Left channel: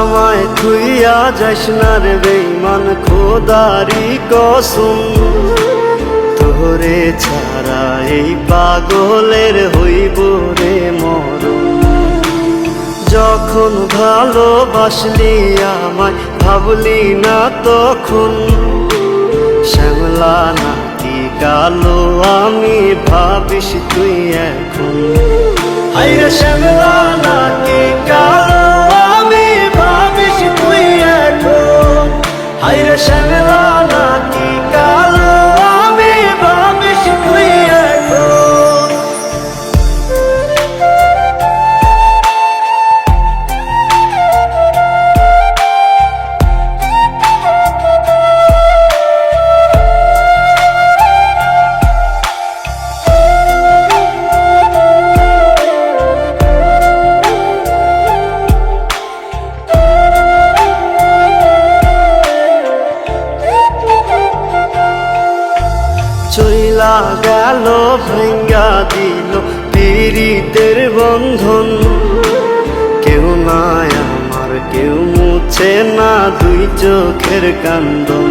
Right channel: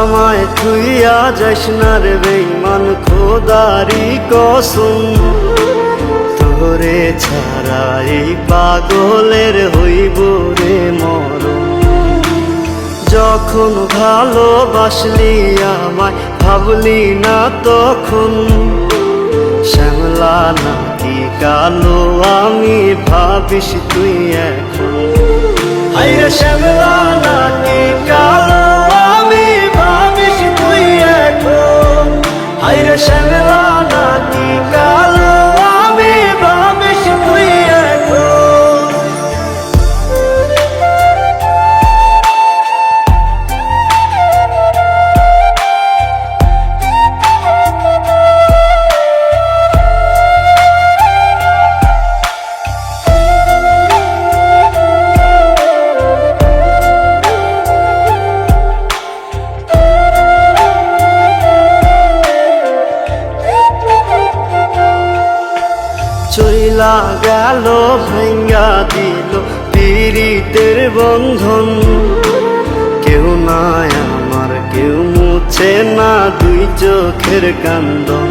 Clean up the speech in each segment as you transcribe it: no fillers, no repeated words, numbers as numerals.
আমায় থুইয়া যাস না রে বেঈমান, খোদারি কসম। তোরে ছাড়া এই পাগলের হইব রে মরণ। যখন ভালোবাসলি আমায় ভাবলি না তখন, শ্যামলা নাকি কালো আমি ভাবিস তুই এখন। হায়রে শ্যামলা নাকি কালো আমি ভাবিস তুই এখন। হায়রে শ্যামলা নাকি কালো আমি ভাবিস তুই এখন। চইলা গেল ভাঙ্গা দিল পীড়িতের বন্ধন। কেউ নাই আমার, কেউ মুছে না দুই চোখের কান্দন।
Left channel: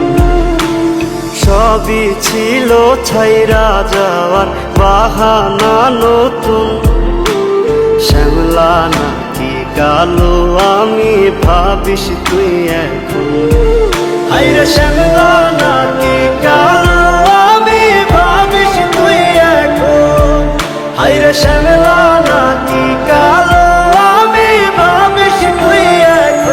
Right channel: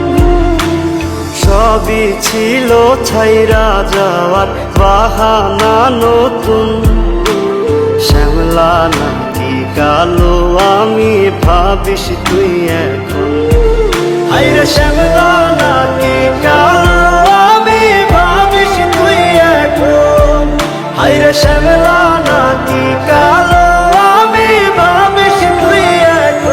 সবই ছিল ছাইরা যাওয়ার বাহানা নতুন। শ্যামলা নাকি কালো আমি ভাবিস তুই এখন। হায়রে শ্যামলা নাকি কালো আমি ভাবিস তুই এখন। হায়রে শ্যামলা নাকি কালো আমি ভাবিস তুই এখন।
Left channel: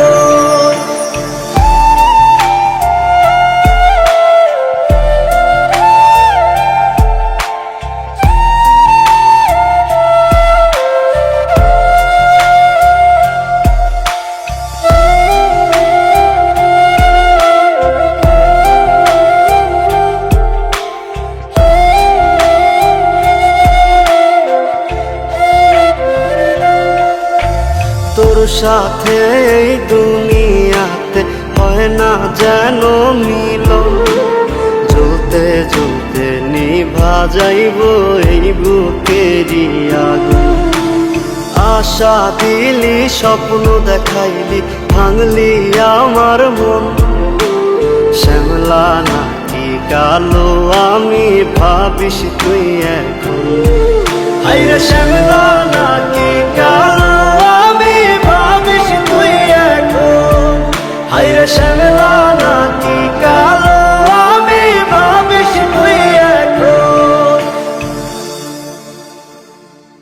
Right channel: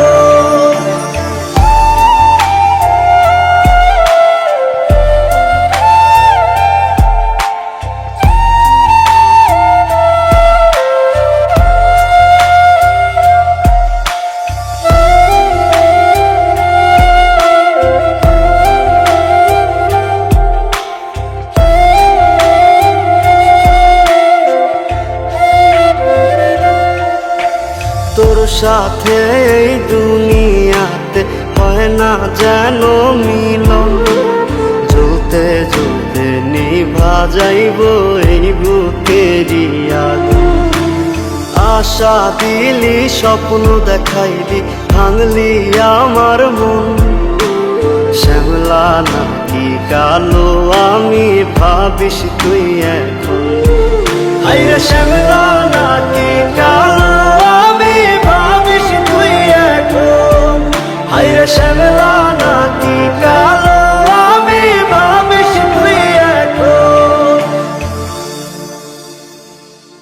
তোর সাথে এই দুনিয়াতে হয় না যেন মিলন। জ্বলতে জ্বলতে নিভা যাইব এই বুকেরই আগুন। আশা দিলি, স্বপ্ন দেখাইলি, ভাঙলি আমার মন। শ্যামলা নাকি কালো আমি ভাবিস তুই এখন। হায়রে শ্যামলা নাকি